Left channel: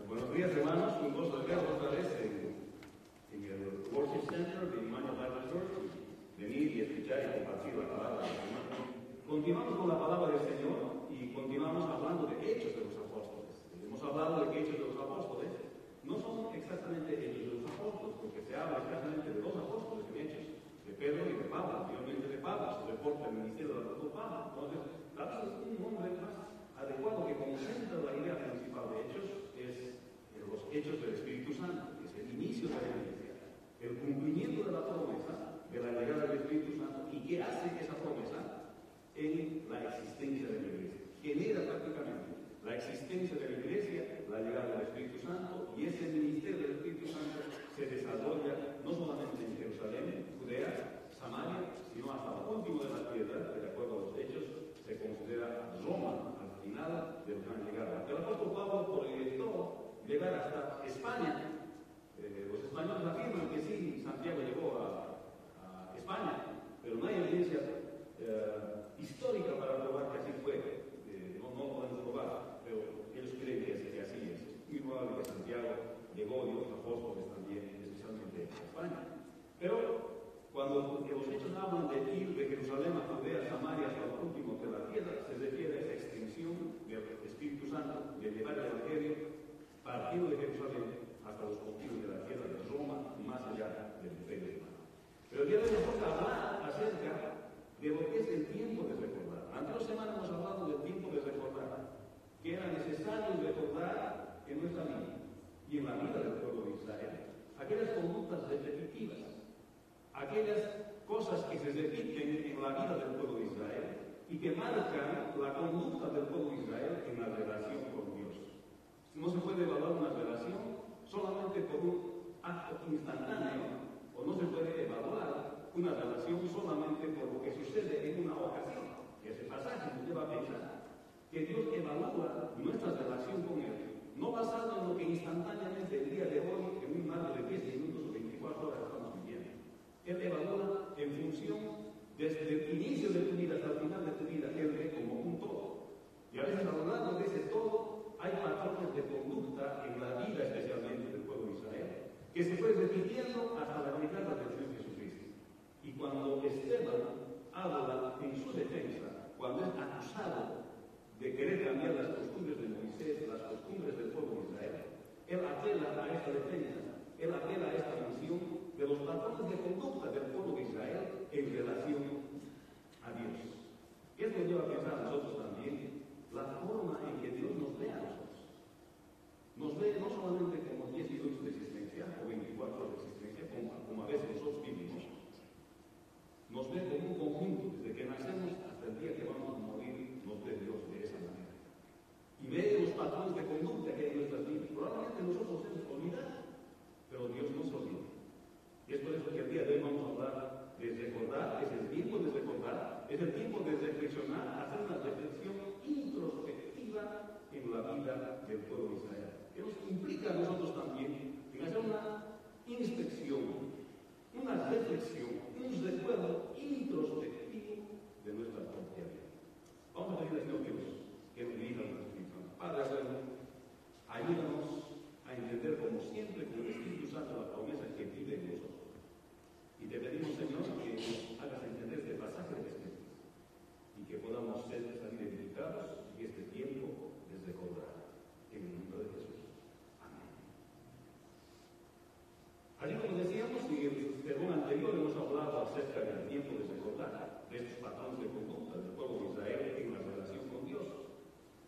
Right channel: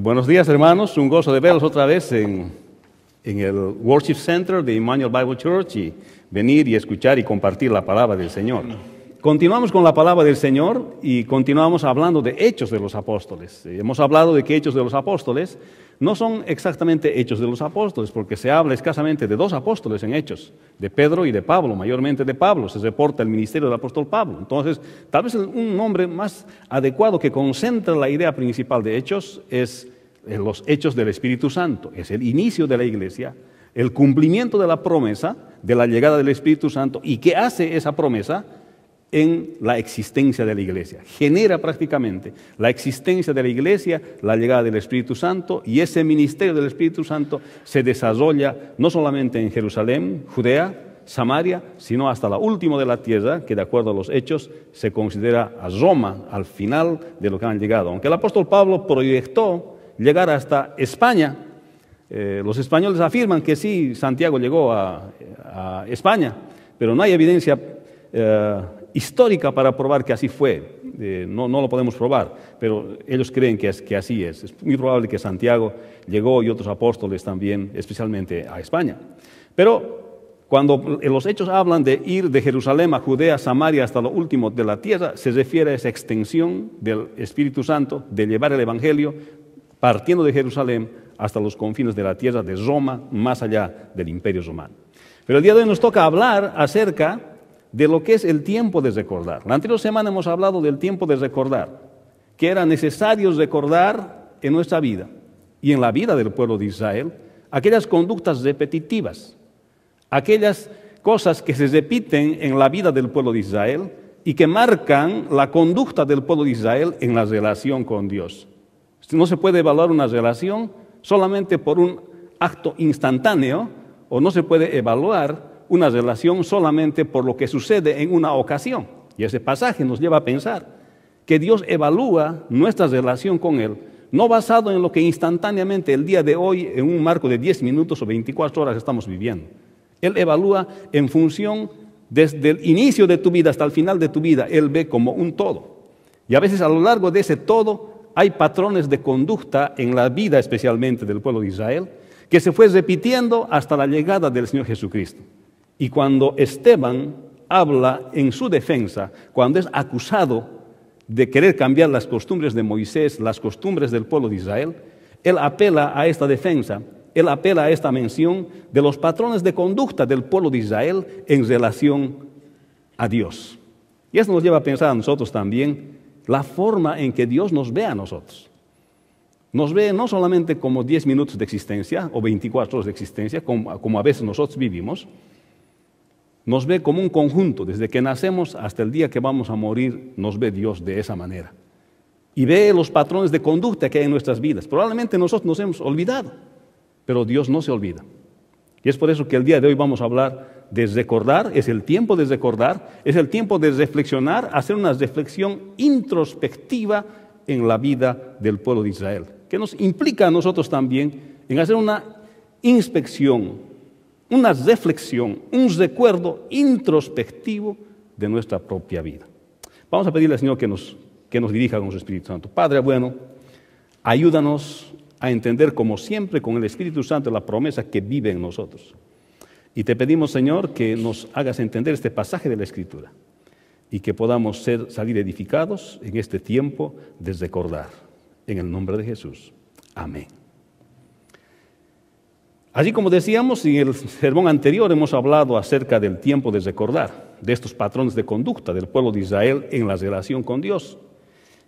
Buenos días, hermanos. Un gozo de verlos otra vez en el Worship Center de Emmanuel Bible Church y venir y escuchar y compartir la palabra del Señor. Continuamos con la palabra del Señor y continuamos hablando de Hechos de los Apóstoles. Hemos hablado de que Hechos de los Apóstoles no son exactamente Hechos de los Apóstoles, porque se habla escasamente de dos apóstoles en Hechos, de Pedro y de Pablo, mayormente de Pablo. Se reporta el ministerio del apóstol Pablo. Entonces, tal vez un nombre más adecuado que concentra la idea principal de Hechos es los Hechos del Espíritu Santo. Es el inicio de la iglesia, el cumplimiento de la promesa de la llegada del Espíritu Santo. ¿Y qué hace esa promesa en la existencia de la iglesia? Genera prácticamente la existencia de la iglesia, la llegada del Espíritu Santo, y ese ministerio del Espíritu Santo se desarrolla no solamente en Jerusalén, Judea, Samaria, sino hasta la última de la tierra, que de acuerdo a los Hechos se considera a Roma, al final de lo que han llegado. Aunque el apóstol Pablo proyectó llegar hasta España, los españoles afirman que sí, Santiago llegó a España, pero no hay evidencia histórica para probar que así fue. No lo podemos probar, pero ellos creen que así es. Es muy probable que Santiago llegó y otros apóstoles también, especialmente a España. Pero cuando los Hechos hablan de ir de Jerusalén a Judea, Samaria, hasta lo último de la tierra, se refiere a esa extensión del Espíritu Santo, de llevar el Evangelio, partiendo de Jerusalén hasta los confines de la tierra de Roma, más allá del Imperio Romano. Pero el día de hoy nos toca hablar acerca de lo que es el tiempo de recordar. La anterior semana hemos hablado del tiempo de recordar, que era necesario recordar en nuestra vida y en la vida del pueblo de Israel aquellas conductas repetitivas, aquellas cosas que se repiten en la vida del pueblo de Israel y que marcan la conducta del pueblo de Israel en la relación con Dios. No se puede evaluar una relación solamente por un acto instantáneo, o no se puede evaluar una relación solamente por lo que sucede en una ocasión. Y ese pasaje nos lleva a pensar que Dios evalúa nuestra relación con Él, no basado en lo que instantáneamente el día de hoy, en un marco de 10 minutos o 24 horas estamos viviendo. Él evalúa en función desde el inicio de tu vida hasta el final de tu vida. Él ve como un todo. Y a veces a lo largo de ese todo hay patrones de conducta en la vida especialmente del pueblo de Israel que se fue repitiendo hasta la llegada del Señor Jesucristo. Y cuando Esteban habla en su defensa, cuando es acusado de querer cambiar las costumbres de Moisés, las costumbres del pueblo de Israel, él apela a esta defensa, él apela a esta mención de los patrones de conducta del pueblo de Israel en relación a Dios. Y esto nos lleva a pensar a nosotros también la forma en que Dios nos ve a nosotros. Nos ve no solamente como 10 minutos de existencia o 24 horas de existencia, como a veces nosotros vivimos. Nos ve como un conjunto. Desde que nacemos hasta el día que vamos a morir, nos ve Dios de esa manera. Y ve los patrones de conducta que hay en nuestras vidas. Probablemente nosotros nos hemos olvidado, pero Dios no se olvida. Y es por eso que el día de hoy vamos a hablar de recordar. Es el tiempo de recordar, es el tiempo de reflexionar, hacer una reflexión introspectiva en la vida del pueblo de Israel, que nos implica a nosotros también en hacer una inspección, una reflexión, un recuerdo introspectivo de nuestra propia vida. Vamos a pedirle al Señor que nos dirija con su Espíritu Santo. Padre bueno, ayúdanos a entender como siempre con el Espíritu Santo la promesa que vive en nosotros. Y te pedimos, Señor, que nos hagas entender este pasaje de la Escritura y que podamos salir edificados en este tiempo de recordar. En el nombre de Jesús. Amén. Así como decíamos, en el sermón anterior hemos hablado acerca del tiempo de recordar, de estos patrones de conducta del pueblo de Israel en la relación con Dios.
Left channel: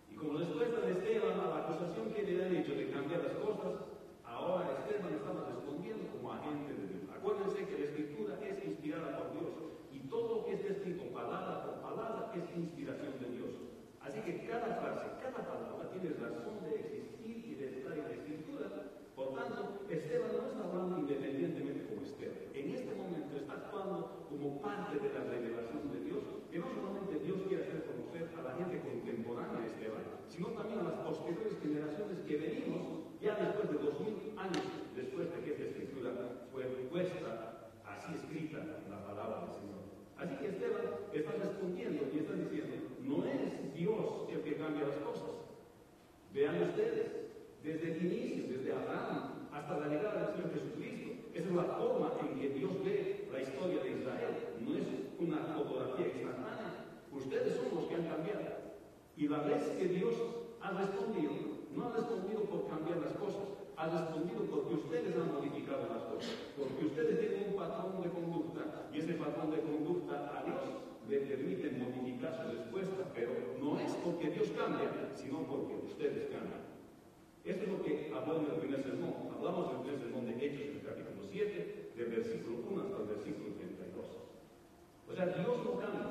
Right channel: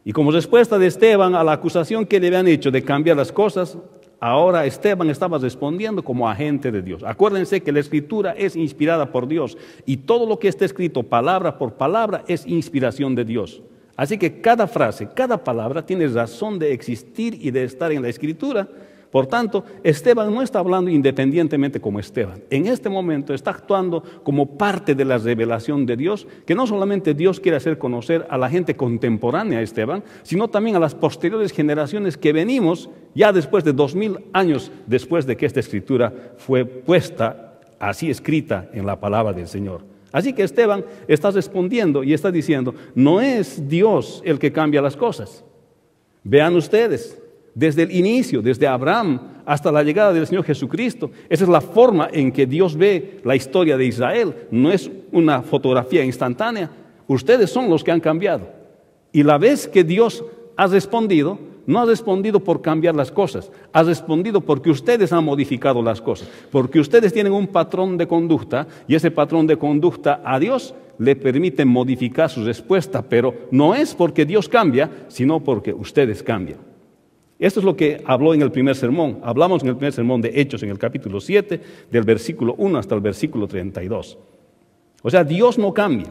Y como respuesta de Esteban a la acusación que le habían hecho de cambiar las cosas, ahora Esteban estaba respondiendo como agente de Dios. Acuérdense que la Escritura es inspirada por Dios y todo lo que está escrito palabra por palabra es inspiración de Dios. Así que cada frase, cada palabra tiene razón de existir y de estar en la Escritura. Por tanto, Esteban no está hablando independientemente como Esteban. En este momento está actuando como parte de la revelación de Dios, que no solamente Dios quiere hacer conocer a la gente contemporánea a Esteban, sino también a las posteriores generaciones que venimos ya después de 2000 años después de que esta Escritura fue puesta así escrita en la palabra del Señor. Así que Esteban está respondiendo y está diciendo, no es Dios el que cambia las cosas. Vean ustedes, desde el inicio, desde Abraham hasta la llegada del Señor Jesucristo. Esa es la forma en que Dios ve la historia de Israel. No es una fotografía instantánea. Ustedes son los que han cambiado. Y la vez que Dios ha respondido, no ha respondido por cambiar las cosas, ha respondido porque ustedes han modificado las cosas, porque ustedes tienen un patrón de conducta y ese patrón de conducta a Dios le permite modificar su respuesta, pero no es porque Dios cambia, sino porque ustedes cambian. Esto es lo que habló en el primer sermón. Hablamos en el primer sermón de Hechos en el capítulo 7, del versículo 1 hasta el versículo 32. O sea, Dios no cambia,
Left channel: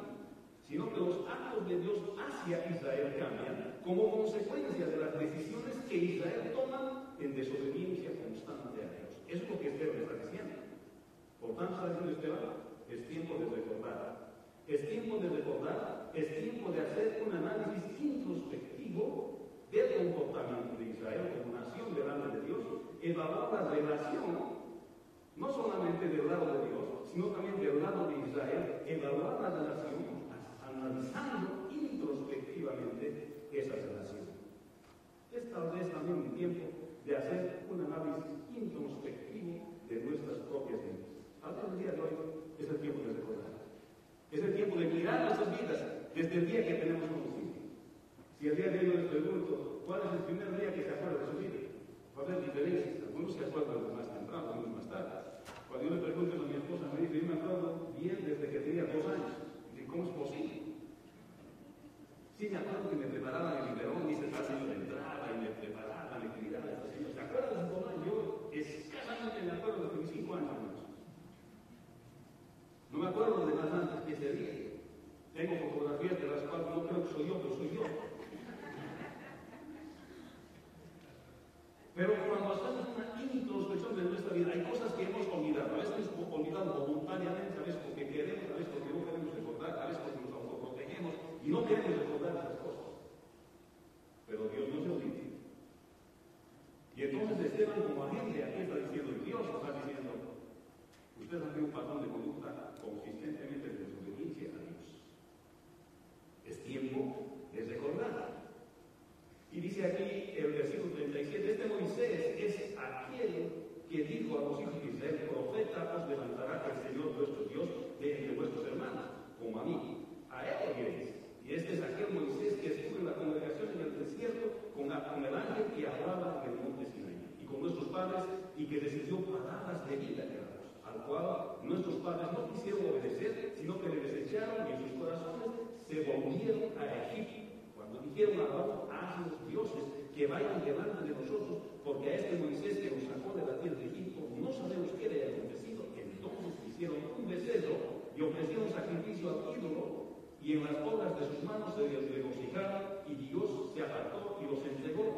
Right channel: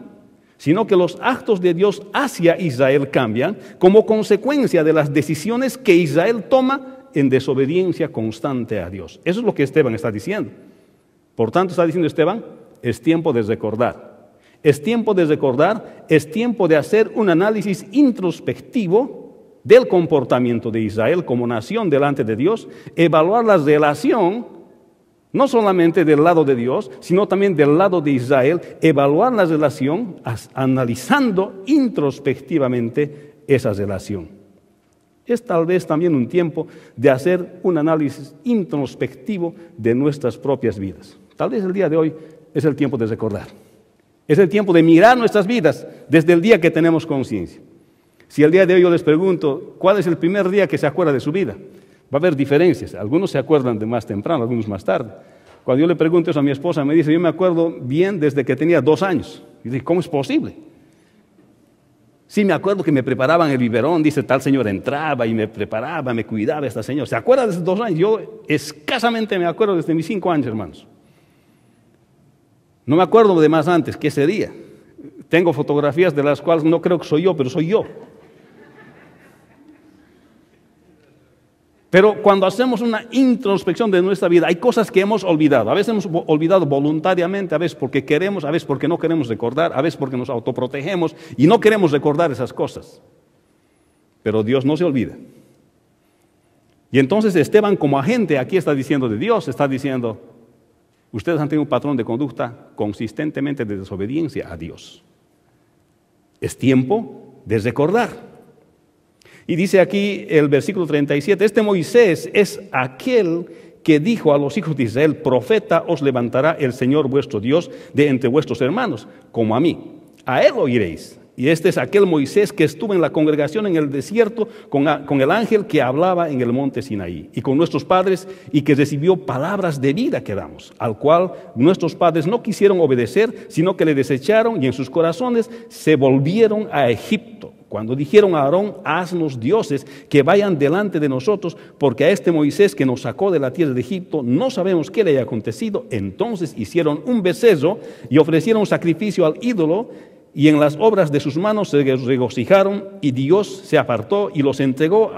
sino que los actos de Dios hacia Israel cambian como consecuencia de las decisiones que Israel toma en desobediencia constante a Dios. Eso es lo que Esteban está diciendo. Por tanto, está diciendo Esteban, es tiempo de recordar. Es tiempo de recordar, es tiempo de hacer un análisis introspectivo del comportamiento de Israel como nación delante de Dios, evaluar la relación, no solamente del lado de Dios, sino también del lado de Israel, evaluar la relación analizando introspectivamente esa relación. Es tal vez también un tiempo de hacer un análisis introspectivo de nuestras propias vidas. Tal vez el día de hoy es el tiempo de recordar. Es el tiempo de mirar nuestras vidas desde el día que tenemos conciencia. Si el día de hoy yo les pregunto, ¿cuál es el primer día que se acuerda de su vida? Va a haber diferencias. Algunos se acuerdan de más temprano, algunos más tarde. Cuando yo le pregunto eso a mi esposa, me dice, yo me acuerdo bien desde que tenía 2 años. Y dice, ¿cómo es posible? Sí, me acuerdo que me preparaban el biberón, dice, tal señora entraba y me preparaba, me cuidaba esta señora. ¿Se acuerda de esos 2 años? Yo escasamente me acuerdo desde mis 5 años, hermanos. No me acuerdo de más antes, que ese día. Tengo fotografías de las cuales no creo que soy yo, pero soy yo. Pero cuando hacemos una introspección de nuestra vida, hay cosas que hemos olvidado. A veces hemos olvidado voluntariamente, a veces porque queremos, a veces porque no queremos recordar, a veces porque nos autoprotegemos y no queremos recordar esas cosas. Pero Dios no se olvida. Y entonces Esteban, como agente, aquí está diciendo de Dios, está diciendo, ustedes han tenido un patrón de conducta consistentemente de desobediencia a Dios. Es tiempo de recordar. Y dice aquí el versículo 37, este Moisés es aquel que dijo a los hijos de Israel, profeta os levantará el Señor vuestro Dios de entre vuestros hermanos, como a mí. A él oiréis. Y este es aquel Moisés que estuvo en la congregación en el desierto con el ángel que hablaba en el monte Sinaí y con nuestros padres y que recibió palabras de vida que damos, al cual nuestros padres no quisieron obedecer, sino que le desecharon y en sus corazones se volvieron a Egipto. Cuando dijeron a Aarón, haznos dioses que vayan delante de nosotros, porque a este Moisés que nos sacó de la tierra de Egipto no sabemos qué le haya acontecido. Entonces hicieron un becerro y ofrecieron sacrificio al ídolo, y en las obras de sus manos se regocijaron, y Dios se apartó y los entregó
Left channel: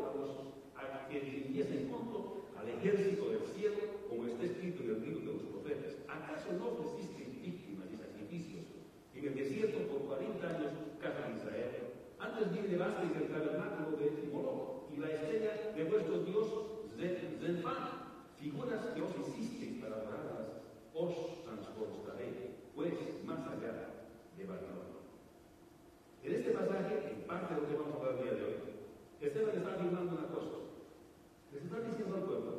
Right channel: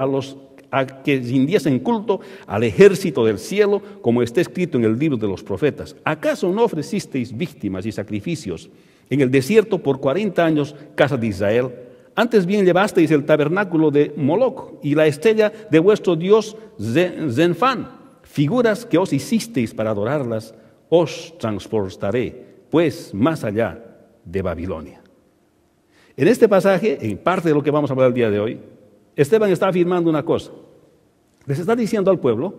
a que rindiesen culto al ejército del cielo, como está escrito en el libro de los profetas. ¿Acaso no ofrecisteis víctimas y sacrificios en el desierto por 40 años, casa de Israel? Antes bien llevasteis el tabernáculo de Moloc y la estrella de vuestro dios Zenfán, figuras que os hicisteis para adorarlas. Os transportaré, pues, más allá de Babilonia. En este pasaje, en parte de lo que vamos a hablar el día de hoy, Esteban está afirmando una cosa. Les está diciendo al pueblo,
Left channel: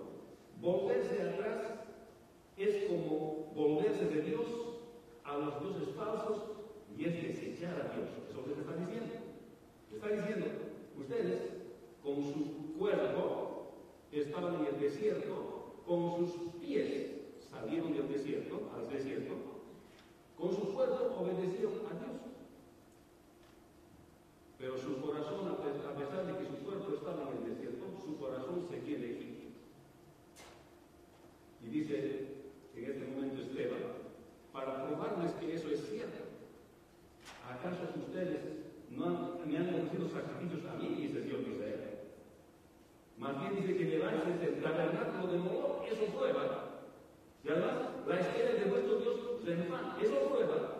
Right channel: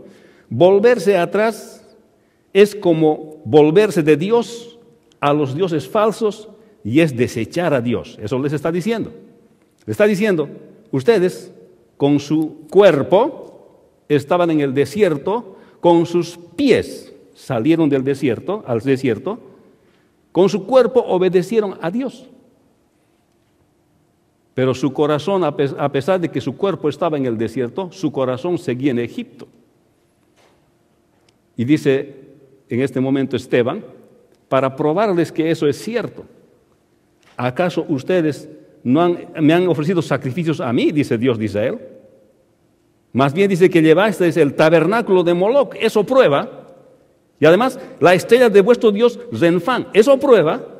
volverse atrás es como volverse de Dios a los dioses falsos y es desechar a Dios. Eso les está diciendo. Le está diciendo, ustedes con su cuerpo estaban en el desierto, con sus pies salieron del desierto, al desierto, con su cuerpo obedecieron a Dios. Pero su corazón, a pesar de que su cuerpo estaba en el desierto, su corazón seguía en Egipto. Y dice en este momento Esteban, para probarles que eso es cierto, ¿acaso ustedes me han ofrecido sacrificios a mí, dice Dios de Israel? Más bien dice que llevasteis el tabernáculo de Moloc, eso prueba. Y además, la estrella de vuestro dios Zenfán, eso prueba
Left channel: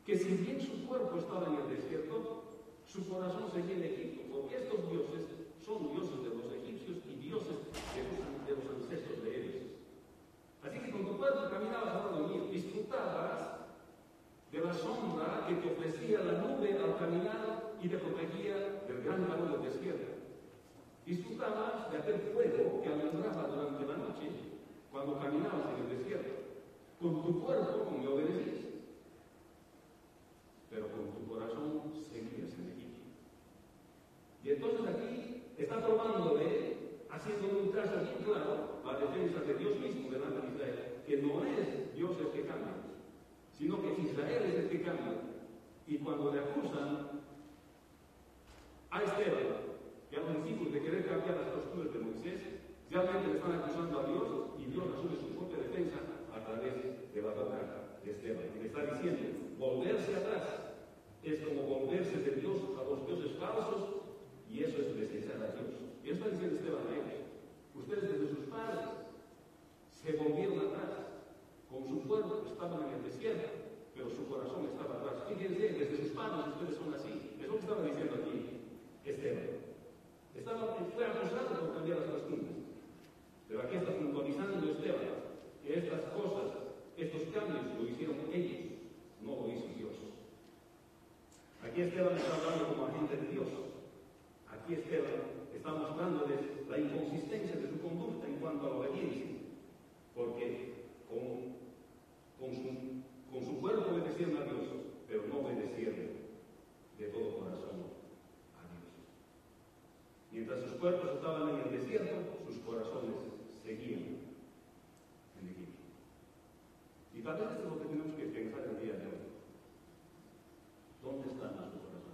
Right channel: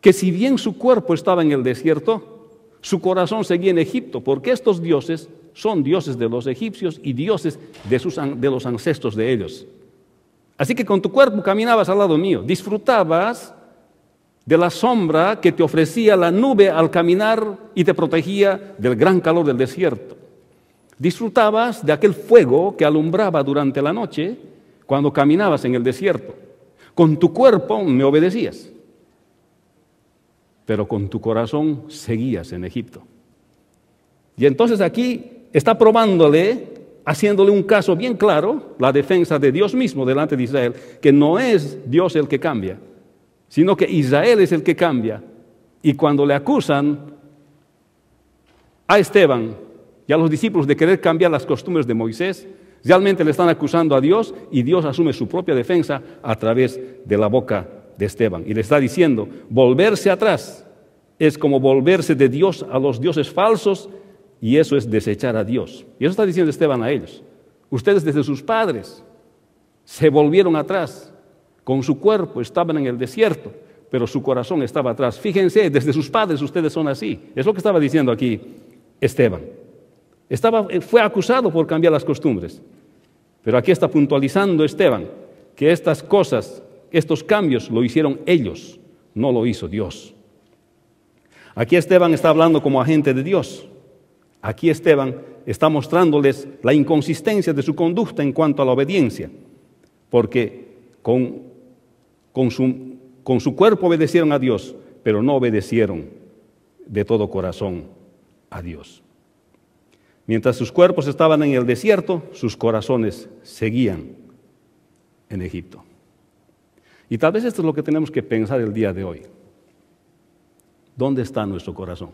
que si bien su cuerpo estaba en el desierto, su corazón seguía en Egipto, porque estos dioses son dioses de los egipcios y dioses de los ancestros de ellos. Así que con tu cuerpo caminabas al lado mío, disfrutabas de la sombra que te ofrecía la nube al caminar y te protegía del gran calor del desierto. Disfrutabas de aquel fuego que alumbraba durante la noche cuando caminabas en el desierto. Con tu cuerpo me obedecías, pero con tu corazón seguías en Egipto. Y entonces aquí está probándole, haciéndole un caso bien claro, la defensa de Dios mismo delante de Israel, que no es Dios el que cambia, sino que Israel es el que cambia. Y cuando le acusan a Esteban y a los discípulos de querer cambiar las costumbres de Moisés, realmente le están acusando a Dios y Dios asume su propia defensa a través de la boca de Esteban. Y le está diciendo, volverse atrás es como volverse de Dios a los dioses falsos y eso es desechar a Dios. Y eso está diciendo Esteban a ellos. Ustedes desde sus padres se volvieron atrás, con su cuerpo estaban en el desierto, pero su corazón estaba atrás. Fíjense, desde sus padres ustedes son así. Es lo que estaba diciendo aquí Esteban. Fue acusado por cambiar las costumbres. Pero aquí está puntualizando Esteban que estas cosas, estos cambios lo hicieron ellos, no lo hizo Dios. Aquí Esteban está hablando como agente de Dios. Aquí Esteban está mostrándoles la inconsistencia de su conducta en cuanto a la obediencia, porque con su cuerpo obedecieron a Dios, pero no obedecieron de todo corazón a Dios. Mientras sus cuerpos estaban en el desierto, sus corazones seguían en Egipto. Y tal vez esto es lo que tenemos que pensar el día de hoy. ¿Dónde está nuestro corazón?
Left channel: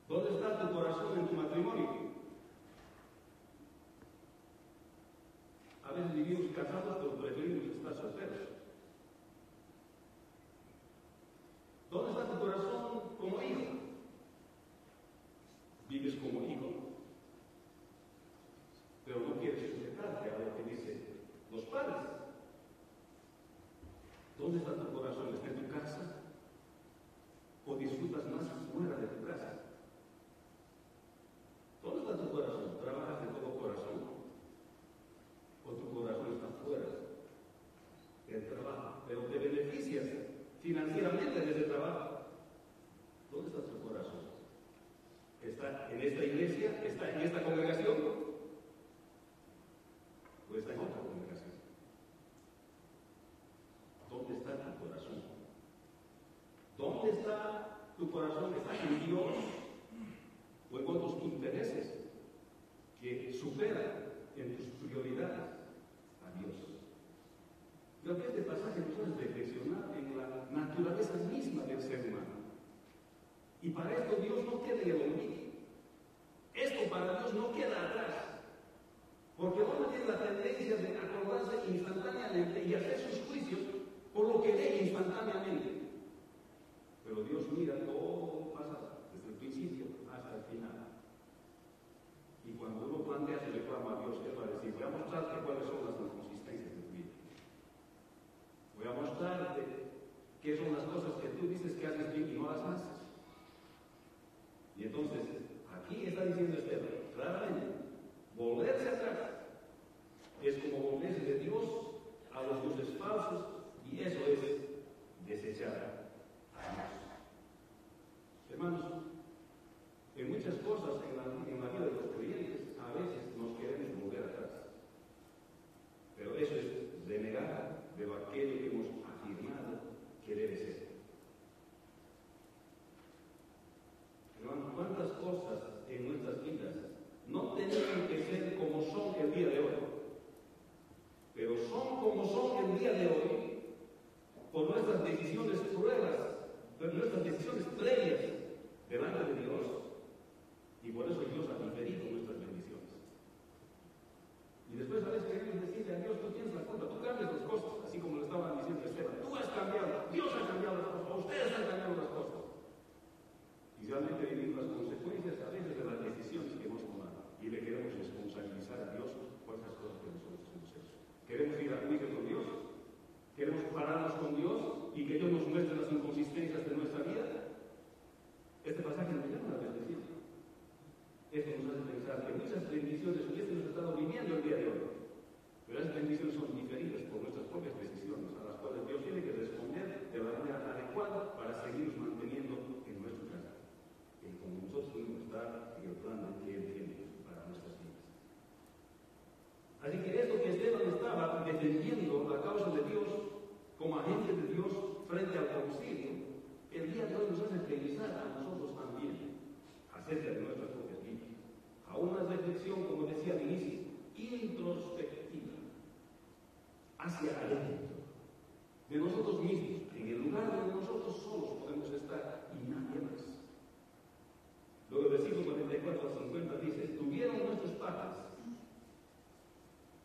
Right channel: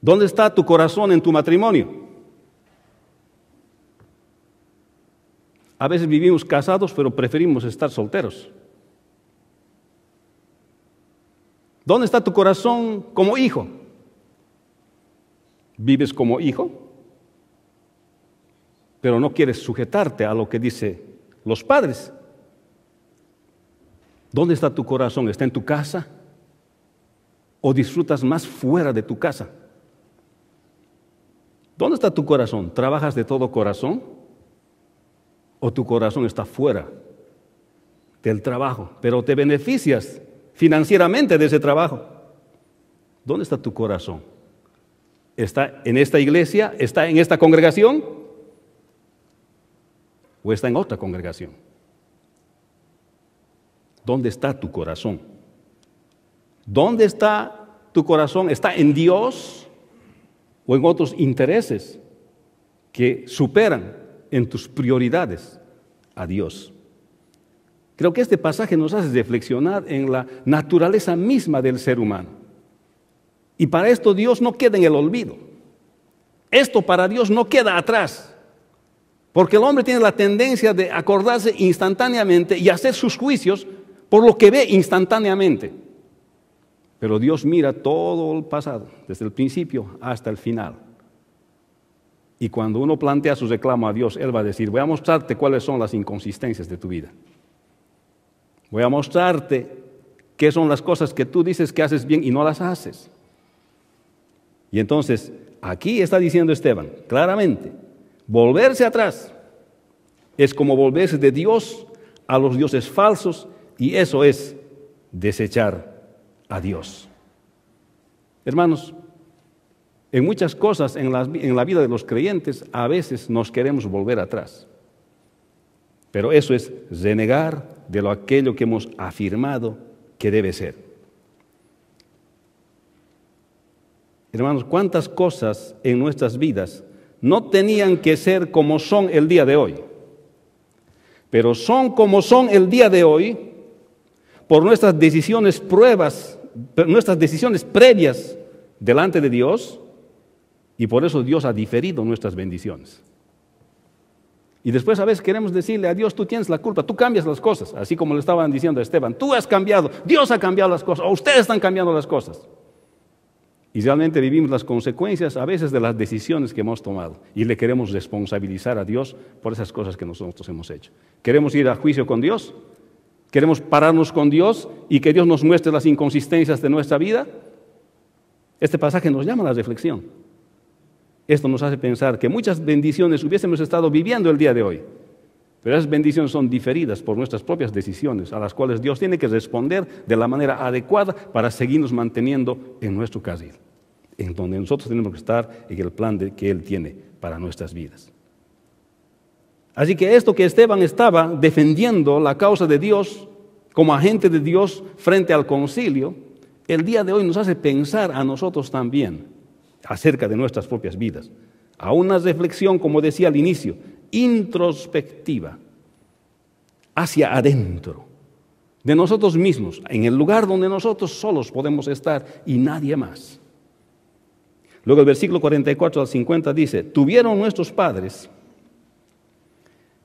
¿Dónde está tu corazón en tu matrimonio? A veces vivimos casados, pero preferimos estar solteros. ¿Dónde está tu corazón como hijo? ¿Vives como hijo? Pero no quieres sujetarte a lo que dicen los padres. ¿Dónde está tu corazón? ¿Está en tu casa? ¿O disfrutas más fuera de tu casa? ¿Dónde está tu corazón? ¿Trabajas de todo corazón? ¿O tu corazón está fuera del trabajo, pero te beneficias financieramente de ese trabajo? ¿Dónde está tu corazón? ¿Está en esta iglesia? ¿Está en esta congregación? ¿O está en otra congregación? ¿Dónde está tu corazón? ¿Dónde está tu corazón? ¿Está en Dios o en otros intereses que superan en tus prioridades a Dios? Creo que este pasaje nos hace reflexionar en la naturaleza misma del ser humano. Y para esto Dios no queda en el olvido. Esto para Dios no queda atrás. Porque el hombre tiene la tendencia de acordarse instantáneamente y hacer sus juicios por lo que ve instantáneamente. Pero Dios mira todo el pasado, desde el principio hasta el final. Y cuando uno plantea su reclamo a Dios, Él va a decir, voy a mostrarte cuáles son las inconsistencias de tu vida. Voy a mostrarte qué son las cosas que tú dices que haces bien y no las haces. Y entonces, aquí está diciendo Esteban, claramente, volverse atrás es como volverse de Dios a los dioses falsos y eso es desechar a Dios. Hermanos, en muchas cosas en la vida de los creyentes a veces nos queremos volver atrás. Pero eso es renegar de aquello que hemos afirmado que debe ser. Hermanos, ¿cuántas cosas en nuestras vidas no tenían que ser como son el día de hoy? Pero son como son el día de hoy por nuestras decisiones previas delante de Dios, y por eso Dios ha diferido nuestras bendiciones. Y después a veces queremos decirle a Dios, tú tienes la culpa, tú cambias las cosas, así como le estaban diciendo a Esteban, tú has cambiado, Dios ha cambiado las cosas, o ustedes están cambiando las cosas. Y realmente vivimos las consecuencias a veces de las decisiones que hemos tomado y le queremos responsabilizar a Dios por esas cosas que nosotros hemos hecho. ¿Queremos ir a juicio con Dios? ¿Queremos pararnos con Dios y que Dios nos muestre las inconsistencias de nuestra vida? Este pasaje nos llama a la reflexión. Esto nos hace pensar que muchas bendiciones hubiésemos estado viviendo el día de hoy, Pero esas bendiciones son diferidas por nuestras propias decisiones, a las cuales Dios tiene que responder de la manera adecuada para seguirnos manteniendo en nuestro carril, en donde nosotros tenemos que estar en el plan que Él tiene para nuestras vidas. Así que esto que Esteban estaba defendiendo la causa de Dios como agente de Dios frente al concilio, el día de hoy nos hace pensar a nosotros también acerca de nuestras propias vidas, a una reflexión, como decía al inicio, introspectiva, hacia adentro, de nosotros mismos, en el lugar donde nosotros solos podemos estar y nadie más. Luego el versículo 44 al 50 dice: tuvieron nuestros padres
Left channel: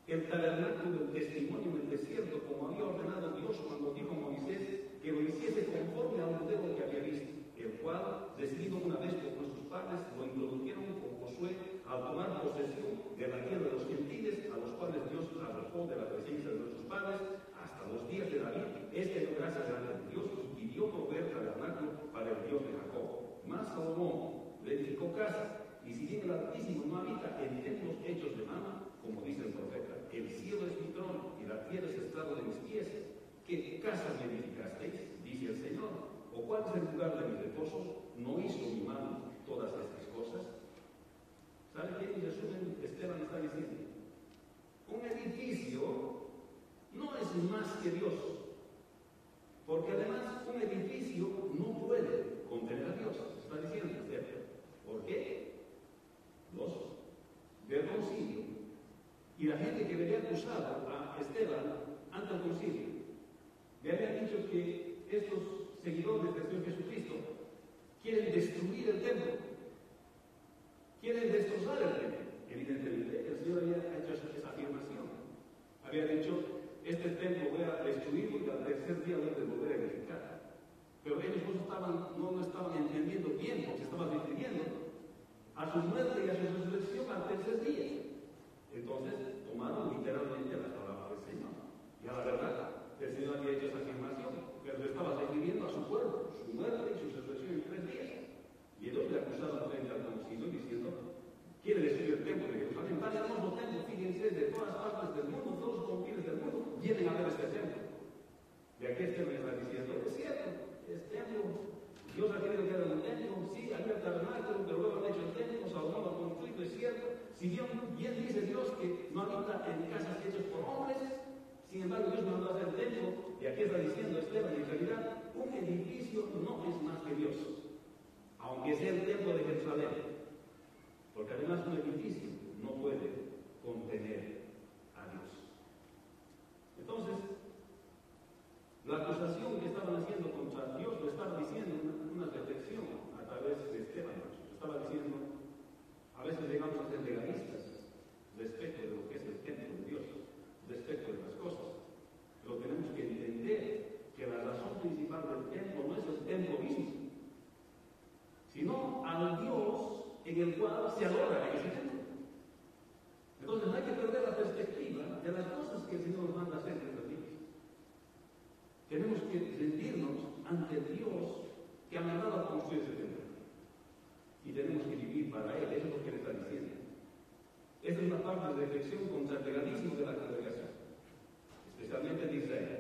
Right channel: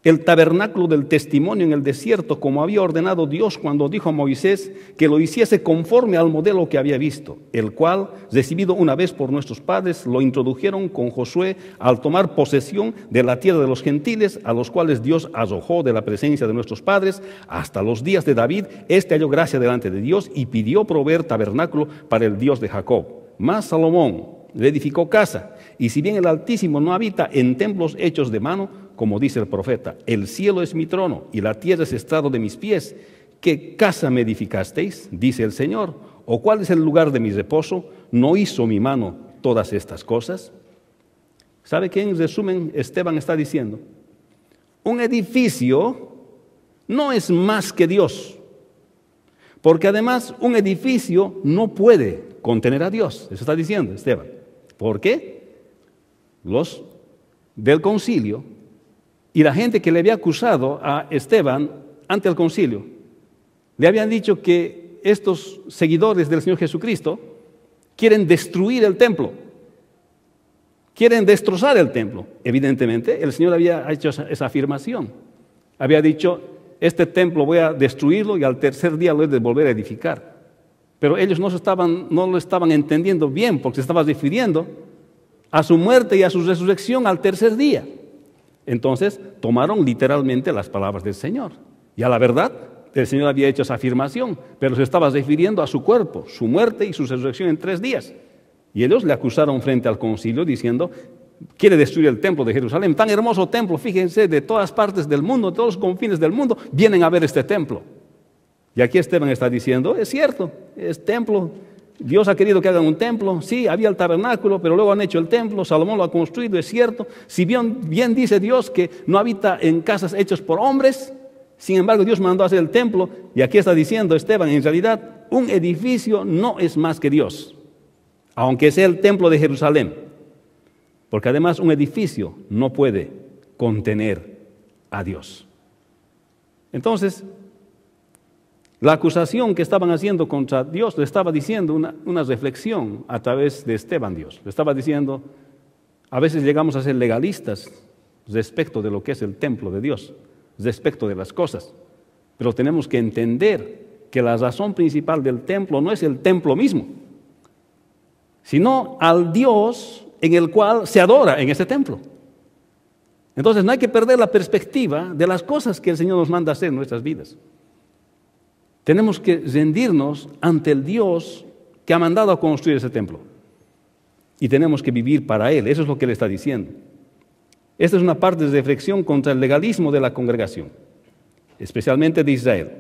el tabernáculo del testimonio en el desierto, como había ordenado Dios cuando dijo a Moisés que lo hiciese conforme al modelo que había visto, el cual, recibido una vez por nuestros padres, lo introdujeron con Josué al tomar posesión de la tierra de los gentiles, a los cuales Dios arrojó de la presencia de nuestros padres hasta los días de David. Este halló gracia delante de Dios y pidió proveer tabernáculo para el Dios de Jacob. Mas Salomón le edificó casa, y si bien el Altísimo no habita en templos hechos de mano, como dice el profeta: el cielo es mi trono y la tierra es estrado de mis pies. ¿Qué casa me edificasteis?, dice el Señor. ¿O cuál es el lugar de mi reposo? ¿No hizo mi mano todas estas cosas? ¿Sabe qué en resumen Esteban está diciendo? Un edificio no es más que Dios, porque además un edificio no puede contener a Dios. Eso está diciendo Esteban. ¿Por qué? Los del concilio y la gente que le había acusado a Esteban ante el concilio, le habían dicho que estos seguidores del Señor Jesucristo quieren destruir el templo, quieren destrozar el templo. Evidentemente, el Señor había hecho esa afirmación. Había dicho: este templo voy a destruirlo y al tercer día lo he de volver a edificar. Pero ellos no lo estaban entendiendo bien, porque se estaba refiriendo a su muerte y a su resurrección al tercer día. Entonces tomaron literalmente las palabras del Señor. Y a la verdad, el Señor había hecho esa afirmación, pero se estaba refiriendo a su cuerpo, su muerte y su resurrección en 3 días. Y ellos le acusaron frente al concilio diciendo: quiere destruir el templo de Jerusalén, tan hermoso templo, fíjense, de todas partes del mundo, de todos los confines del mundo, vienen a ver este templo. Y aquí Esteban está diciendo: es cierto, es templo. Dios ha querido que hagan un templo. Sí, había el tabernáculo, pero luego han hecho el templo. Salomón lo ha construido, es cierto. Si bien dice Dios que no habita en casas hechas por hombres, sin embargo Dios mandó a hacer el templo. Y aquí está diciendo Esteban: en realidad un edificio no es más que Dios, aunque sea el templo de Jerusalén, porque además un edificio no puede contener a Dios. Entonces, la acusación que estaban haciendo contra Dios le estaba diciendo una reflexión a través de Esteban. Dios le estaba diciendo: a veces llegamos a ser legalistas respecto de lo que es el templo de Dios, respecto de las cosas, pero tenemos que entender que la razón principal del templo no es el templo mismo, sino al Dios en el cual se adora en ese templo. Entonces no hay que perder la perspectiva de las cosas que el Señor nos manda hacer en nuestras vidas. Tenemos que rendirnos ante el Dios que ha mandado a construir ese templo. Y tenemos que vivir para Él. Eso es lo que Él está diciendo. Esta es una parte de reflexión contra el legalismo de la congregación, especialmente de Israel.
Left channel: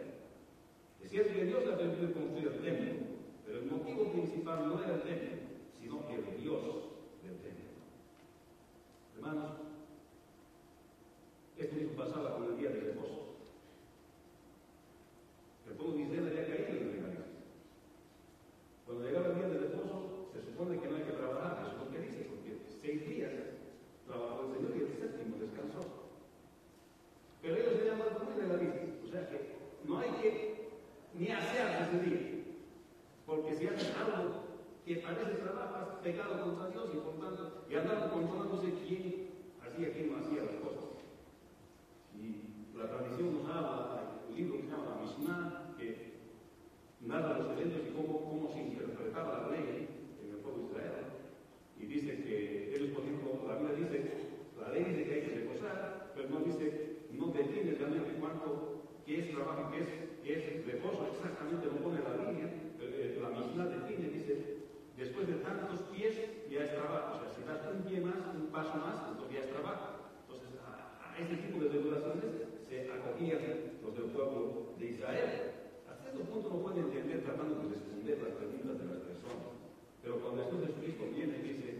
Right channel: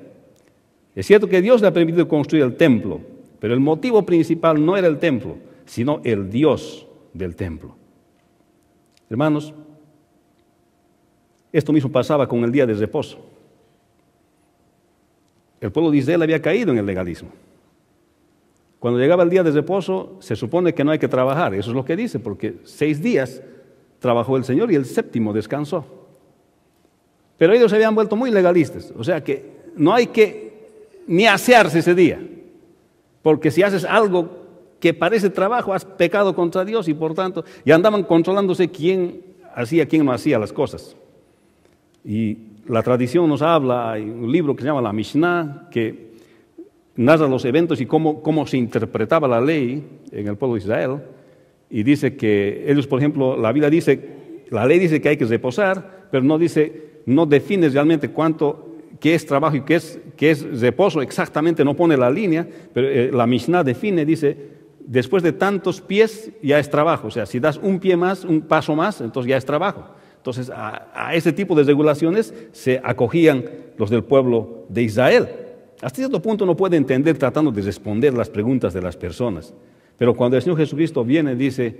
Es cierto que Dios le ha permitido construir el templo, pero el motivo principal no era el templo, sino el Dios del templo. Hermanos, esto mismo pasaba con el día de reposo. El pueblo de Israel había caído en el legalismo. Cuando llegaba el día de reposo, se supone que no hay que trabajar. Eso es lo que dice, porque 6 días trabajó el Señor y el 7º descansó. Pero ellos se habían vuelto muy legalistas. O sea que no hay que ni asearse ese día, porque si haces algo que parece trabajo, has pecado contra Dios, y por tanto, ya andaban controlándose quién no hacía las cosas. Y la tradición nos habla, hay un libro que se llama la Mishnah, que narra los eventos y cómo se interpretaba la ley en el pueblo de Israel, y dice que ellos, por ejemplo, la ley dice que hay que reposar, pero no define realmente qué es trabajo y qué es reposo, exactamente no pone la línea, pero la Mishnah define, dice: después de tantos pies ya es trabajo. O sea, si das un pie más, un paso más, entonces ya es trabajo. Entonces, a ese tipo de regulaciones se acogían los del pueblo de Israel. Hasta cierto punto uno puede entender tratando de responder las preguntas de las personas. Pero cuando el Señor Jesucristo viene, dice,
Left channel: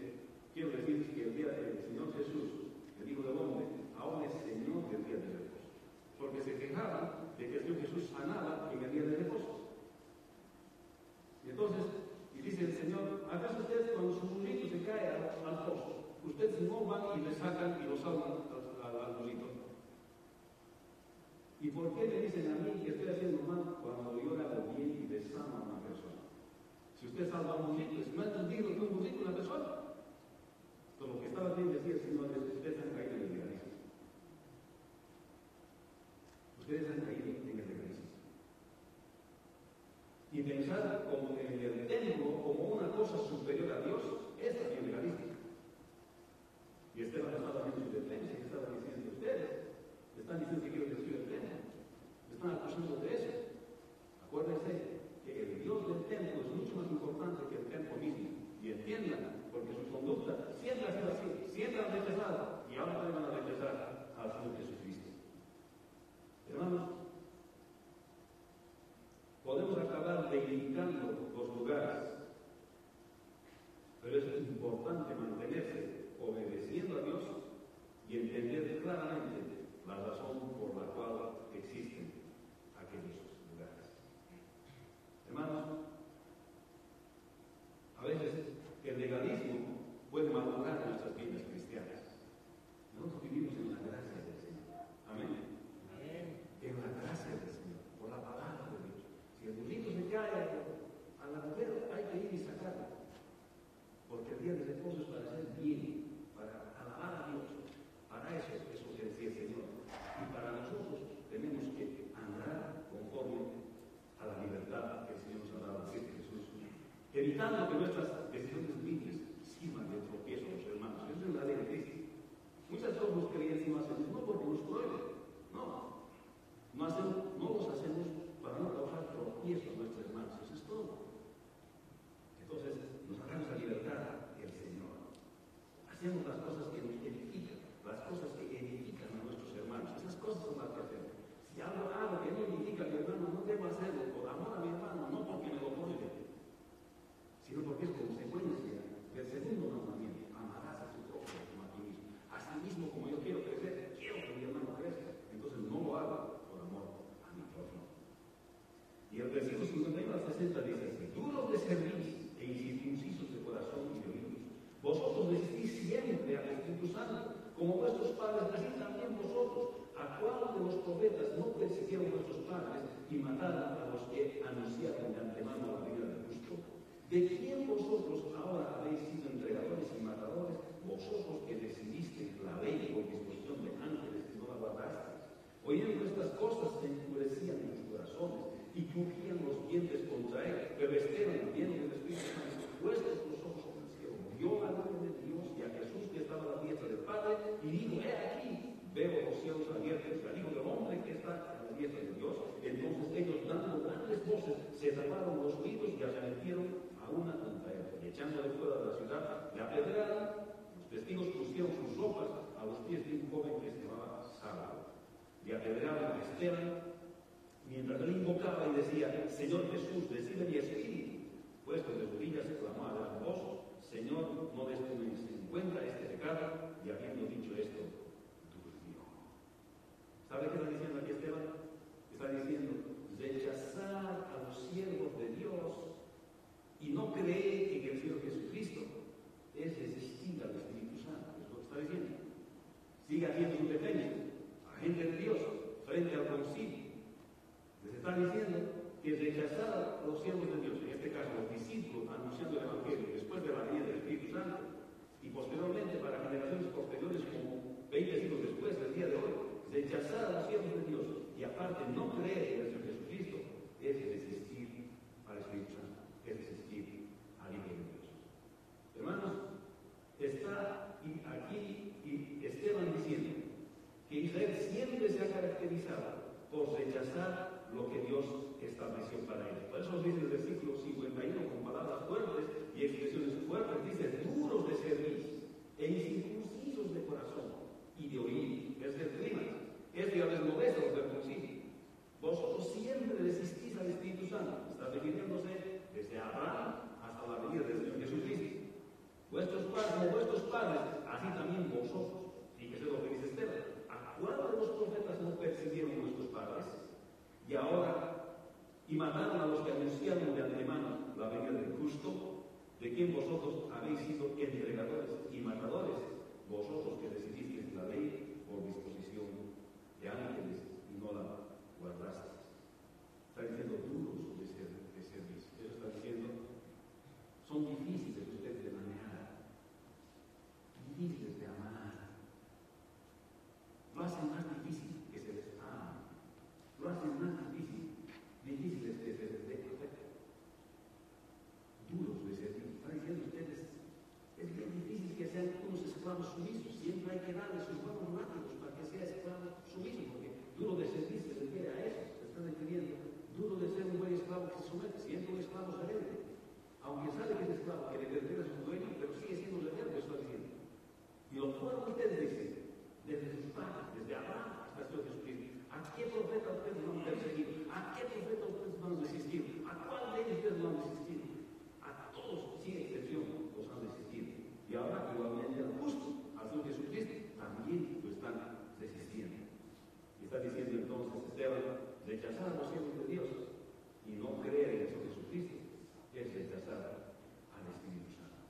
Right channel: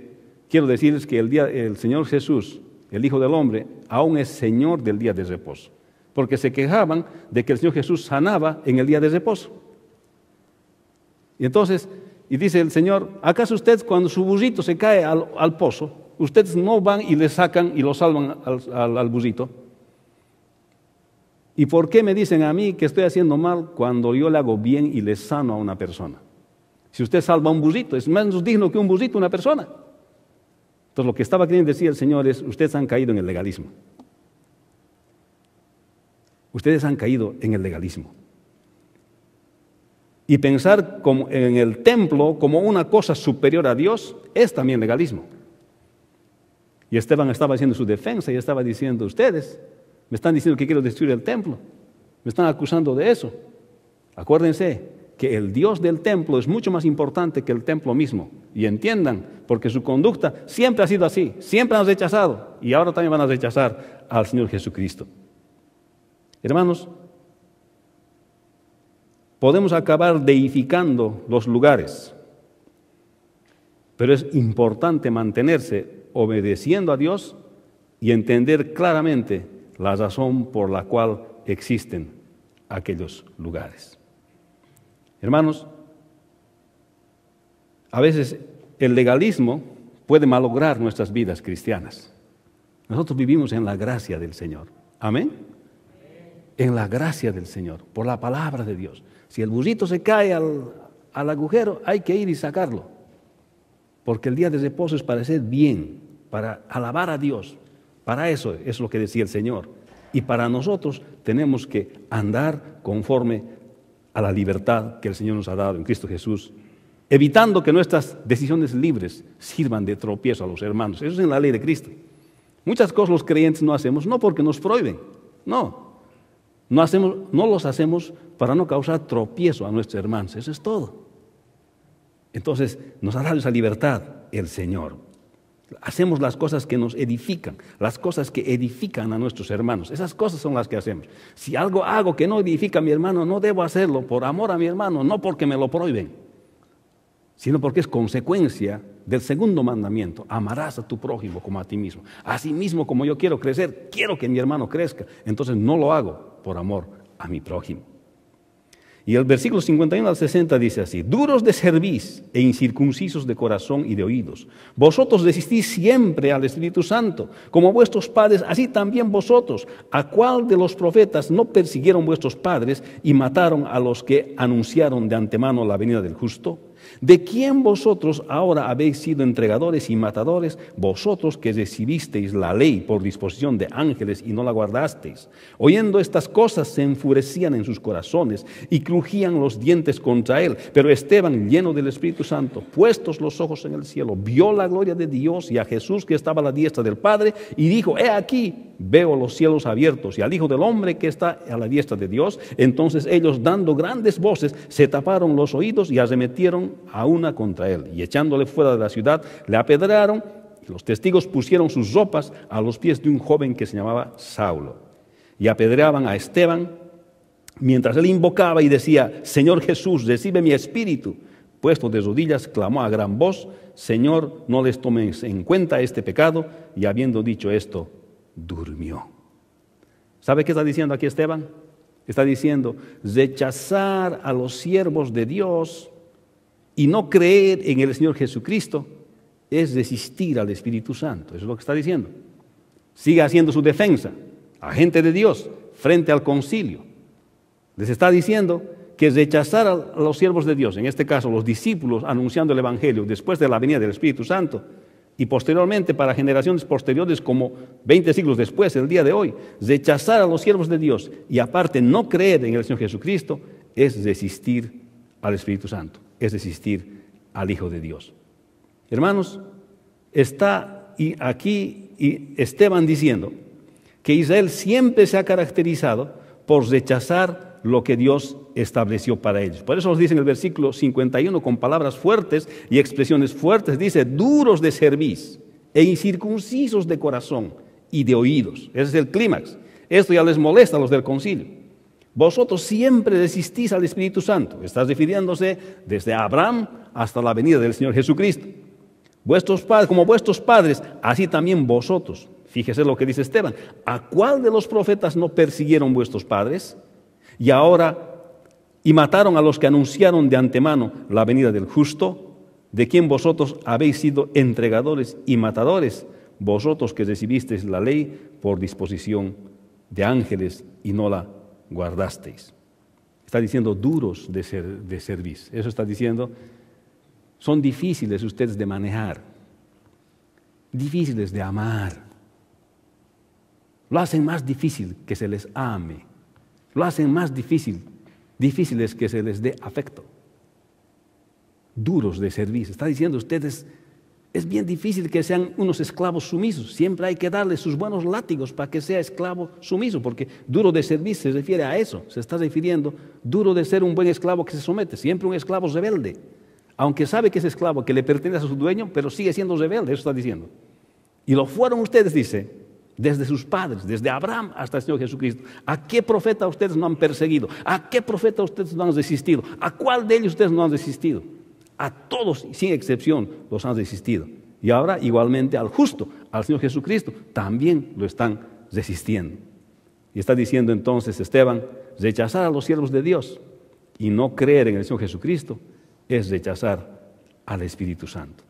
quiero decirles que el Señor Jesús, el Hijo del Hombre, aún es Señor del día de reposo. Porque se quejaban de que el Señor Jesús sanaba en el día de reposo. Y entonces, y dice el Señor, ¿acaso ustedes cuando su burrito se cae al pozo, ustedes no van y le sacan y lo salvan al burrito? ¿Y por qué me dicen a mí que estoy haciendo mal cuando yo le hago bien y le sano a una persona? Si usted salva a un burrito, es menos digno que un burrito una persona. Entonces lo que estaba queriendo decir el Señor es, ustedes han caído en el legalismo. Ustedes han caído en el legalismo. Y pensar en el templo como una cosa superior a Dios es también legalismo. Y Esteban estaba haciendo su defensa y estaba diciendo, ustedes me están diciendo que quiero destruir el templo. Me están acusando de eso. Acuérdense que el Dios del templo es mucho más importante que el templo mismo. Y entiendan, porque su conducta siempre ha sido así. Siempre han rechazado. Y ahora también van a rechazar al Señor Jesucristo. Hermanos, podemos acabar deificando los lugares, pero es importante mantenerse obedeciendo a Dios y entender claramente la razón por la cual existen aquellos lugares. Hermanos, a veces el legalismo puede malograr nuestras vidas cristianas. Nosotros vivimos en la gracia del Señor. Amén. En la gracia del Señor, por la palabra de Dios. Si el burrito se cae al agujero, hay que ir y sacarlo. Porque el día de reposo es para hacer bien, para alabar a Dios. Para eso es lo que decía el Señor. Y para nosotros tenemos que andar conforme a la libertad que el Señor nos ha dado en Cristo Jesús, evitando que nuestras decisiones libres sirvan de tropiezo a los hermanos. Eso es en la ley de Cristo. Muchas cosas los creyentes no hacemos, no porque nos prohíben, no los hacemos para no causar tropiezo a nuestros hermanos, eso es todo. Entonces nos ha dado esa libertad el Señor. Hacemos las cosas que nos edifican, las cosas que edifican a nuestros hermanos. Esas cosas son las que hacemos. Si algo hago que no edifica a mi hermano, no debo hacerlo por amor a mi hermano, no porque me lo prohíben, sino porque es consecuencia del segundo mandamiento. Amarás a tu prójimo como a ti mismo. Así mismo como yo quiero crecer, quiero que mi hermano crezca. Entonces no lo hago por amor a mi prójimo. Y el versículo 51 al 60 dice así: duros de cerviz e incircuncisos de corazón y de oídos, vosotros resistís siempre al Espíritu Santo, como vuestros padres, así también vosotros. ¿A cuál de los profetas no persiguieron vuestros padres y mataron a los que anunciaron de antemano la venida del justo? ¿De quién vosotros ahora habéis sido entregadores y matadores, vosotros que recibisteis la ley por disposición de ángeles y no la guardasteis? Oyendo estas cosas se enfurecían en sus corazones y crujían los dientes contra él. Pero Esteban, lleno del Espíritu Santo, puestos los ojos en el cielo, vio la gloria de Dios y a Jesús que estaba a la diestra del Padre y dijo: he aquí, veo los cielos abiertos y al Hijo del Hombre que está a la diestra de Dios. Entonces ellos, dando grandes voces, se taparon los oídos y arremetieron a una contra él, y echándole fuera de la ciudad le apedrearon, y los testigos pusieron sus ropas a los pies de un joven que se llamaba Saulo, y apedreaban a Esteban mientras él invocaba y decía: Señor Jesús, recibe mi espíritu. Puesto de rodillas clamó a gran voz: Señor, no les tomes en cuenta este pecado. Y habiendo dicho esto, durmió. ¿Sabe qué está diciendo aquí Esteban? Está diciendo: rechazar a los siervos de Dios y no creer en el Señor Jesucristo es resistir al Espíritu Santo. Eso es lo que está diciendo. Sigue haciendo su defensa, agente de Dios, frente al concilio. Les está diciendo que rechazar a los siervos de Dios, en este caso los discípulos anunciando el Evangelio después de la venida del Espíritu Santo, y posteriormente para generaciones posteriores como 20 siglos después, el día de hoy, rechazar a los siervos de Dios y aparte no creer en el Señor Jesucristo es resistir al Espíritu Santo, es resistir al Hijo de Dios. Hermanos, está aquí Esteban diciendo que Israel siempre se ha caracterizado por rechazar lo que Dios estableció para ellos. Por eso nos dice en el versículo 51 con palabras fuertes y expresiones fuertes, dice: duros de cerviz e incircuncisos de corazón y de oídos. Ese es el clímax. Esto ya les molesta a los del concilio. Vosotros siempre desistís al Espíritu Santo. Está refiriéndose desde Abraham hasta la venida del Señor Jesucristo. Vuestros padres, como vuestros padres, así también vosotros. Fíjese lo que dice Esteban. ¿A cuál de los profetas no persiguieron vuestros padres? Y mataron a los que anunciaron de antemano la venida del justo, de quien vosotros habéis sido entregadores y matadores, vosotros que recibisteis la ley por disposición de ángeles y no la guardasteis. Está diciendo duros de servicio. Eso está diciendo, son difíciles ustedes de manejar, difíciles de amar. Lo hacen más difícil que se les ame. Lo hacen más difíciles que se les dé afecto. Duros de servicio. Está diciendo ustedes, es bien difícil que sean unos esclavos sumisos. Siempre hay que darle sus buenos látigos para que sea esclavo sumiso, porque duro de servir se refiere a eso. Se está refiriendo duro de ser un buen esclavo que se somete. Siempre un esclavo rebelde. Aunque sabe que es esclavo, que le pertenece a su dueño, pero sigue siendo rebelde. Eso está diciendo. Y lo fueron ustedes, dice, desde sus padres, desde Abraham hasta el Señor Jesucristo. ¿A qué profeta ustedes no han perseguido? ¿A qué profeta ustedes no han resistido? ¿A cuál de ellos ustedes no han resistido? A todos, sin excepción, los han resistido. Y ahora, igualmente, al justo, al Señor Jesucristo, también lo están resistiendo. Y está diciendo entonces Esteban, rechazar a los siervos de Dios y no creer en el Señor Jesucristo es rechazar al Espíritu Santo.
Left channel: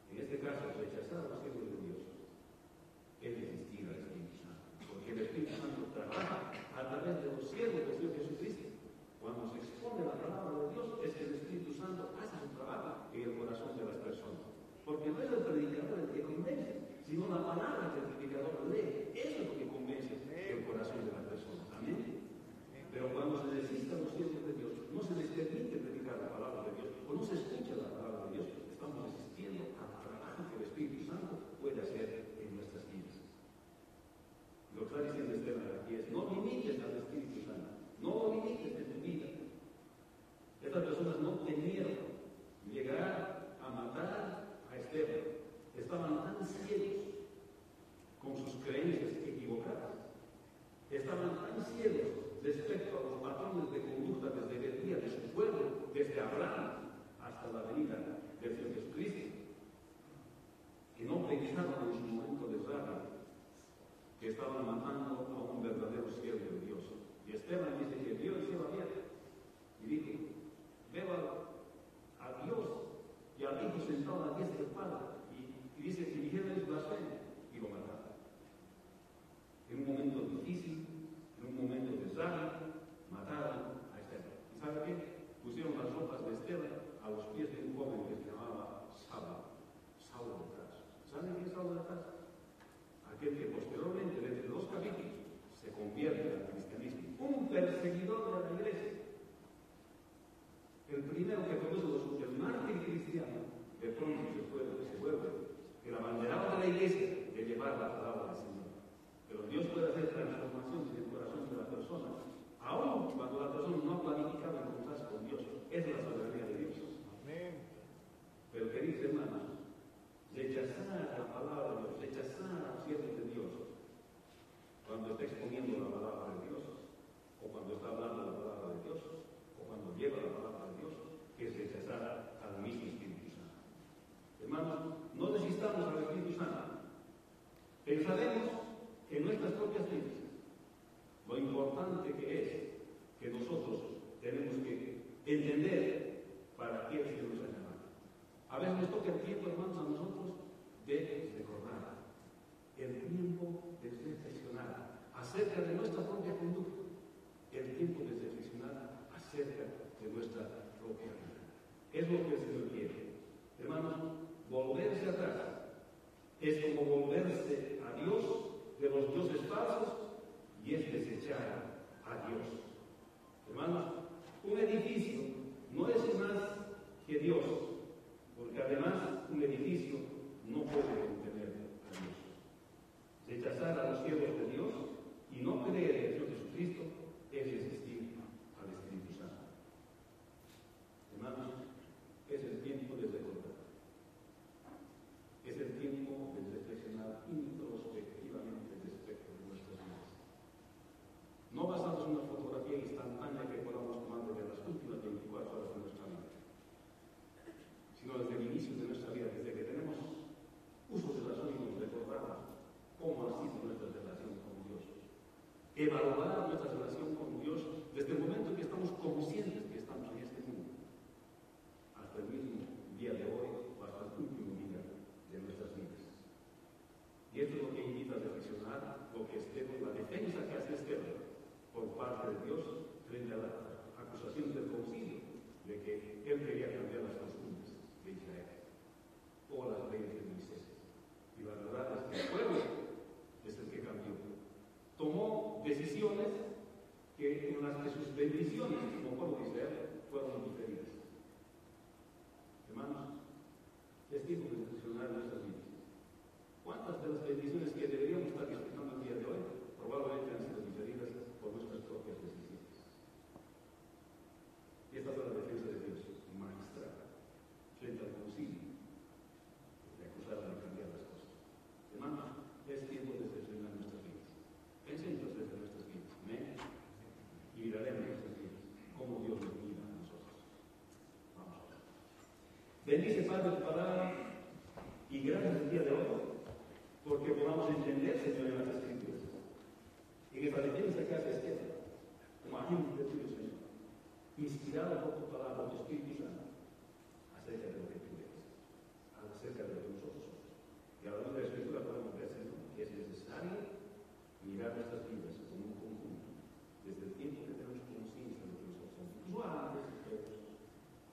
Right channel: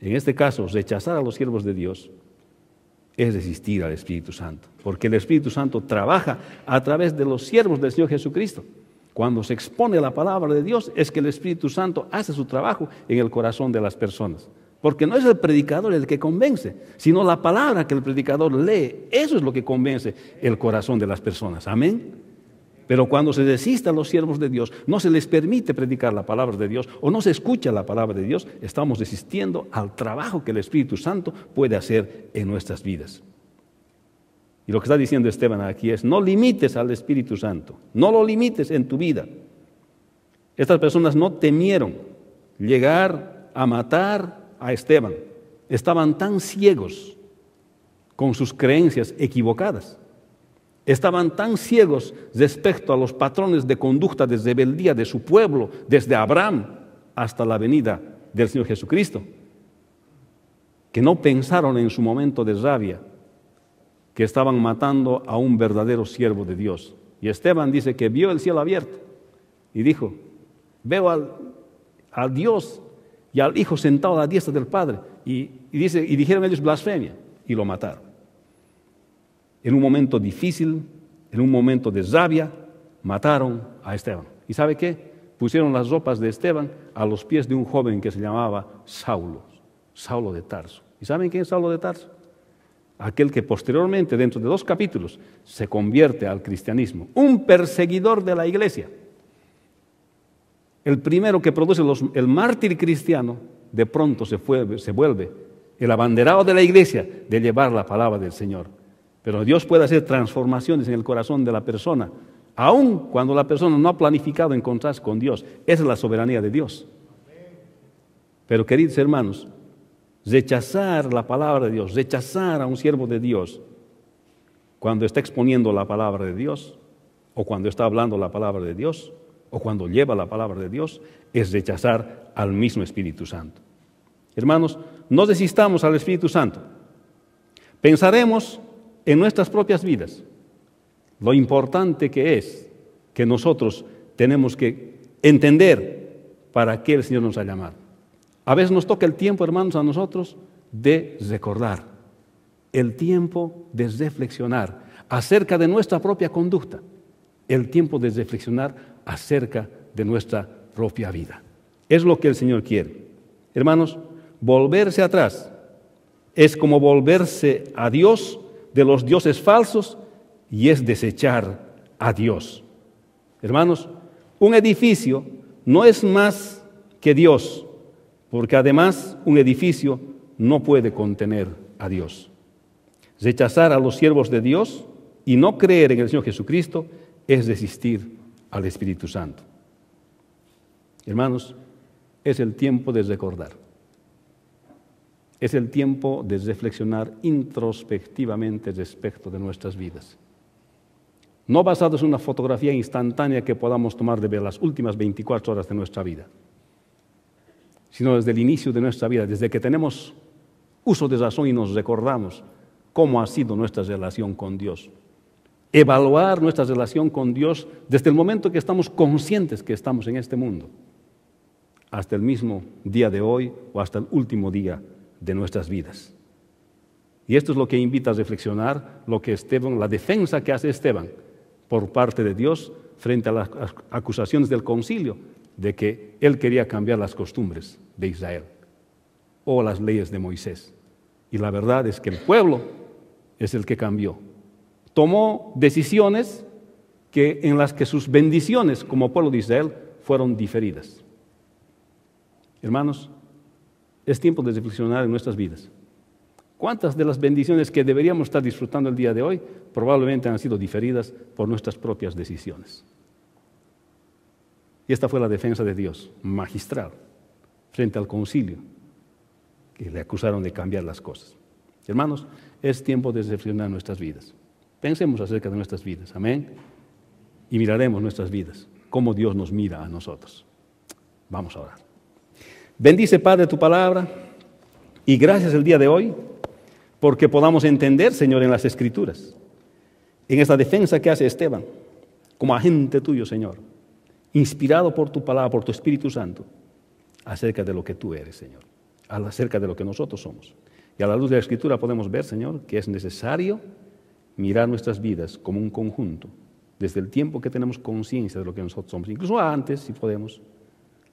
En este caso, rechazar a los siervos de Dios es resistir al Espíritu Santo, porque el Espíritu Santo trabaja a través de los siervos del Señor Jesucristo. Cuando se expone la palabra de Dios es que el Espíritu Santo hace su trabajo en el corazón de las personas, porque no es el predicador el que convence, sino la palabra que el predicador lee. Eso es lo que convence el corazón de las personas. Amén. Pero cuando se resiste a los siervos de Dios, no se les permite predicar la palabra de Dios o no se escucha la palabra de Dios, estamos resistiendo al trabajo que el Espíritu Santo puede hacer en nuestras vidas. Y lo que está diciendo Esteban aquí es, no limites al Espíritu Santo, no lo limites en tu vida. Estas personas no temieron llegar a matar a Esteban. Estaban tan ciegos con sus creencias equivocadas. Estaban tan ciegos respecto a los patrones de conducta de rebeldía de su pueblo, desde Abraham hasta la venida del Señor Jesucristo, que no pensaron en su momento de rabia que estaban matando a un verdadero siervo de Dios. Y Esteban dice que vio el cielo abierto y dijo, veo a Dios y al Hijo sentado a la diestra del Padre. Y dijeron ellos blasfemia y lo mataron. En un momento difícil, en un momento de rabia, mataron a Esteban. ¿Y sabe qué? Pusieron las ropas de Esteban a los pies de un joven que se llamaba Saulo, Saulo de Tarso. ¿Y saben quién es Saulo de Tarso? Aquel que posteriormente, dentro de 2 capítulos, se convierte al cristianismo. Un perseguidor de la iglesia. El primero que produce el mártir cristiano, de pronto se vuelve el abanderado de la iglesia de llevar la palabra del Señor. Pero Dios puede hacer transformaciones en el corazón de la persona, aun cuando la persona no ha planificado encontrarse con Dios. Esa es la soberanía de Dios. Pero, queridos hermanos, rechazar la palabra de Dios, rechazar a un siervo de Dios, cuando está exponiendo la palabra de Dios, o cuando está hablando la palabra de Dios, o cuando lleva la palabra de Dios, es rechazar al mismo Espíritu Santo. Hermanos, no resistamos al Espíritu Santo. Pensaremos en nuestras propias vidas lo importante que es que nosotros tenemos que entender para qué el Señor nos ha llamado. A veces nos toca el tiempo, hermanos, a nosotros de recordar, el tiempo de reflexionar acerca de nuestra propia conducta, el tiempo de reflexionar acerca de nuestra propia vida. Es lo que el Señor quiere. Hermanos, volverse atrás es como volverse a Dios de los dioses falsos y es desechar a Dios. Hermanos, un edificio no es más que Dios, porque además un edificio no puede contener a Dios. Rechazar a los siervos de Dios y no creer en el Señor Jesucristo es resistir al Espíritu Santo. Hermanos, es el tiempo de recordar. Es el tiempo de reflexionar introspectivamente respecto de nuestras vidas. No basados en una fotografía instantánea que podamos tomar de ver las últimas 24 horas de nuestra vida, sino desde el inicio de nuestra vida, desde que tenemos uso de razón y nos recordamos cómo ha sido nuestra relación con Dios. Evaluar nuestra relación con Dios desde el momento que estamos conscientes que estamos en este mundo, hasta el mismo día de hoy o hasta el último día de nuestras vidas. Y esto es lo que invita a reflexionar lo que Esteban, la defensa que hace Esteban por parte de Dios frente a las acusaciones del concilio de que él quería cambiar las costumbres de Israel o las leyes de Moisés. Y la verdad es que el pueblo es el que cambió. Tomó decisiones en las que sus bendiciones como pueblo de Israel fueron diferidas. Hermanos, es tiempo de reflexionar en nuestras vidas. ¿Cuántas de las bendiciones que deberíamos estar disfrutando el día de hoy probablemente han sido diferidas por nuestras propias decisiones? Y esta fue la defensa de Dios, magistral, frente al concilio, que le acusaron de cambiar las cosas. Hermanos, es tiempo de reflexionar nuestras vidas. Pensemos acerca de nuestras vidas, amén. Y miraremos nuestras vidas, cómo Dios nos mira a nosotros. Vamos a orar. Bendice, Padre, tu palabra, y gracias el día de hoy, porque podamos entender, Señor, en las Escrituras, en esta defensa que hace Esteban, como agente tuyo, Señor, inspirado por tu palabra, por tu Espíritu Santo, acerca de lo que tú eres, Señor, acerca de lo que nosotros somos. Y a la luz de la Escritura podemos ver, Señor, que es necesario mirar nuestras vidas como un conjunto, desde el tiempo que tenemos conciencia de lo que nosotros somos, incluso antes, si podemos,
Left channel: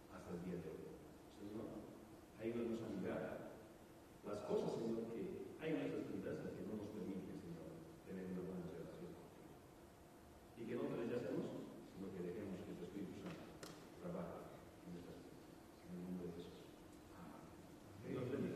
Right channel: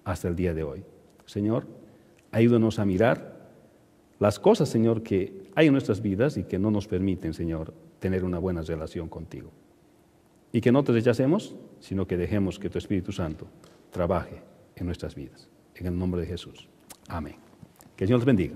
hasta el día de hoy. Señor, ayúdanos a mirar las cosas, Señor, que hay en nuestras vidas y que no nos permiten, Señor, tener una buena relación contigo. Y que no te rechacemos, sino que dejemos que tu Espíritu Santo trabaje en nuestras vidas. En el nombre de Jesús. Amén. Que el Señor los bendiga.